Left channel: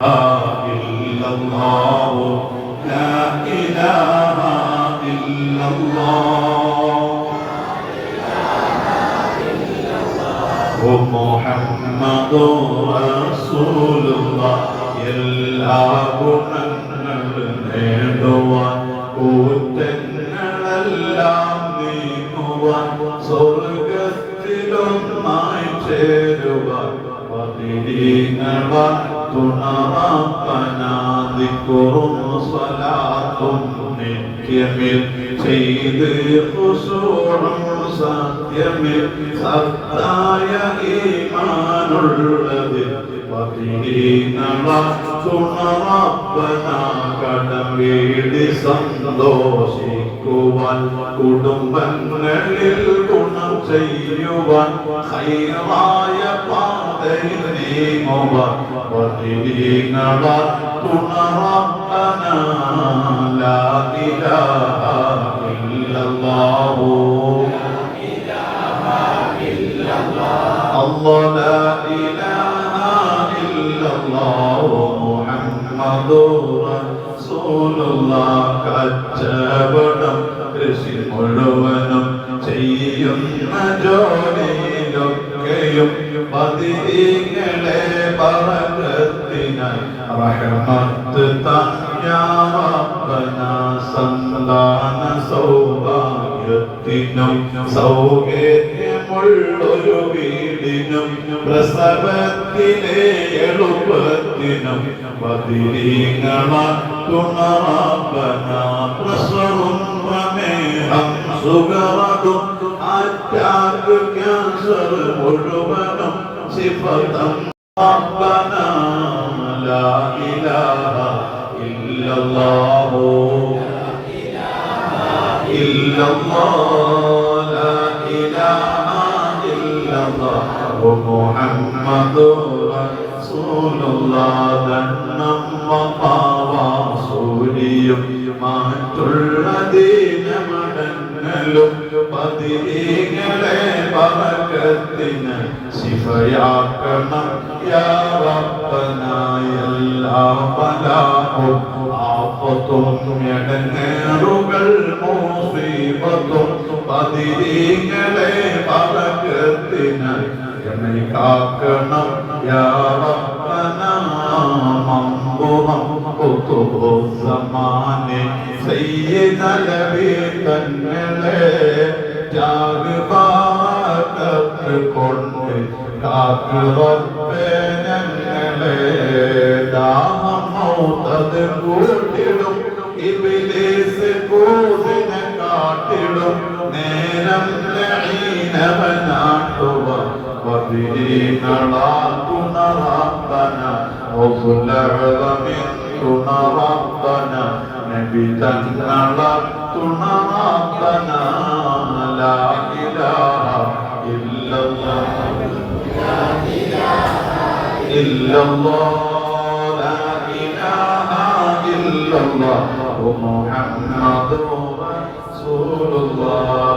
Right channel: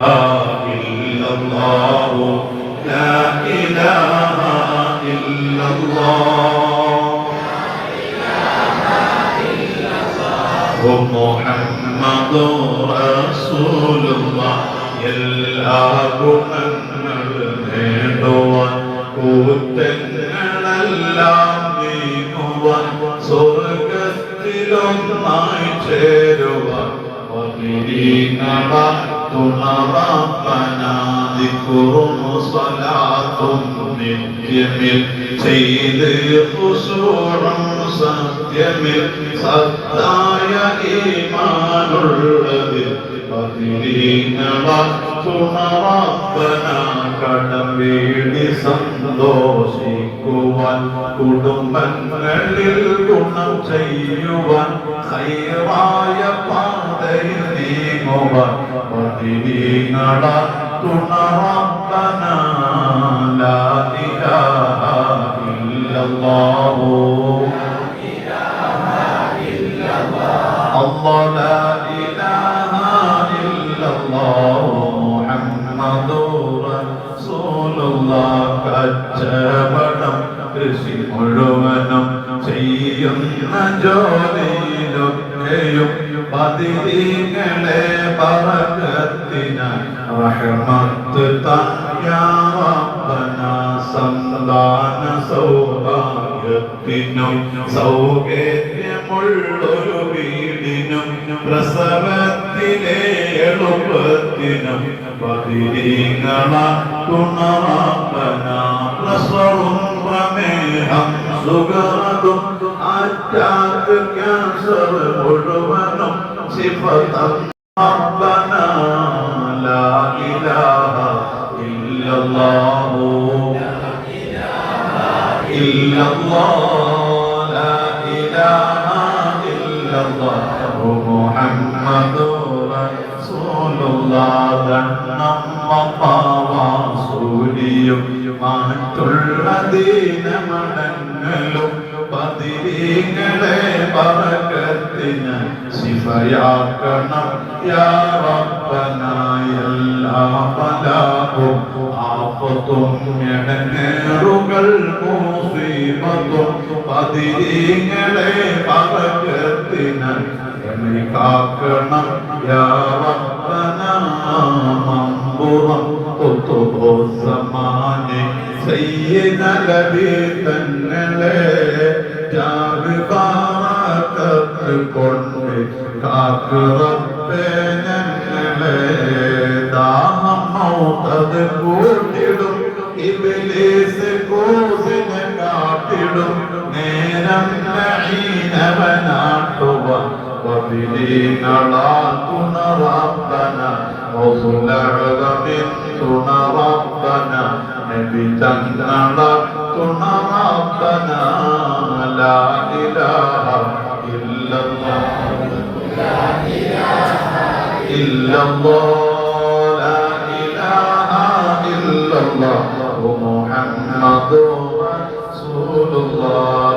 إلا الله لا إله إلا الله محمد رسول الله എല്ലാ ഗുണങ്ങൾ നേടുവാൻ കൂറ്റങ്ങളെല്ലാം നീങ്ങുവാൻ സ്വർഗത്തിലൊന്നായി ചേരുവാൻ തുണറാപ്പനാദിക്കുറും സ്വലാത്തും നിത്യമിൽ ചെയ്ത് ഖുശൂഉം സത്യമിൽ സത്തായ ഈമാനുള്ളത് തുണറാപ്പന കടവേടി സന്തോഷിക്കുവാൻ കുടുംബങ്ങളിൽ ഗുണം ചെയ്യുവാൻ ഹൈറായ പാതയിൽ നീങ്ങുവാൻ തുണറാപ്പന ലാ ഇലാഹ ഇല്ലല്ലാഹു അല്ലാഹു ലാ ഇലാഹ ഇല്ലല്ലാഹു മുഹമ്മദുർ റസൂലുള്ളാഹ് കച്ചവടം കൃഷി മുഴുവനും ചെയ്യുന്ന ജോലിയിലൊക്കെയും പതിരീങ്ങളെ ബറകത്തിനായി റഹ്മത്ത് തഞ്ഞാവന സന്താന സൗഭാഗ്യത്തിനും സൗകര്യമുള്ളൊരു വീടിനും പ്രസവത്തിലെ എളുപ്പത്തിനും പതിരീങ്ങള തുണറാപ്പന പ്രസവം പ്രമേഹം സുഗറതും അറ്റാക്ക് ക്യാൻസർ മുഴുവനും സിഫതം റബ്ബന ലാ ഇലാഹ ഇല്ലല്ലാഹു ഇല്ലല്ലാഹു ലാ ഇലാഹ ഇല്ലല്ലാഹു മുഹമ്മദുർ റസൂലുള്ളാഹ് ദണ്ണം വപാവാസൂരിയും മാറ്റുള്ള ദീനമടങ്ങലും പതിരീങ്ങളെ ബറകത്തിന് ശിഫയാക്കണം യാ റബ്ബന എല്ലാ ബലാഉം ആഫത്തും എടങ്ങേറുകൾ മുസീബത്തും പതിരീങ്ങളെ ബറകത്തിന് കാക്കണം യാ റബ്ബന മംബുറം ഖുതുബു സമാനെ സയ്യിദ നബി തങ്ങളെ ജാഗതാകത്ത് കൊണ്ട് കാക്ക് റബ്ബേ ഞങ്ങളെ ദാഹം മൗതത് കൂട്ടിടും ഇബ്ലീസ് കൂസിനെ കാട്ടിടും നേരം നഈനവനാട്ടുവ തുണറാപ്പന തുണറാപ്പന നബി തങ്ങള തുണറാപ്പന ലാ ഇലാഹ ഇല്ലല്ലാഹ് ഇല്ലല്ലാഹ് ലാ ഇലാഹ ഇല്ലല്ലാഹ് മുഹമ്മദുർ റസൂലുള്ളാഹ്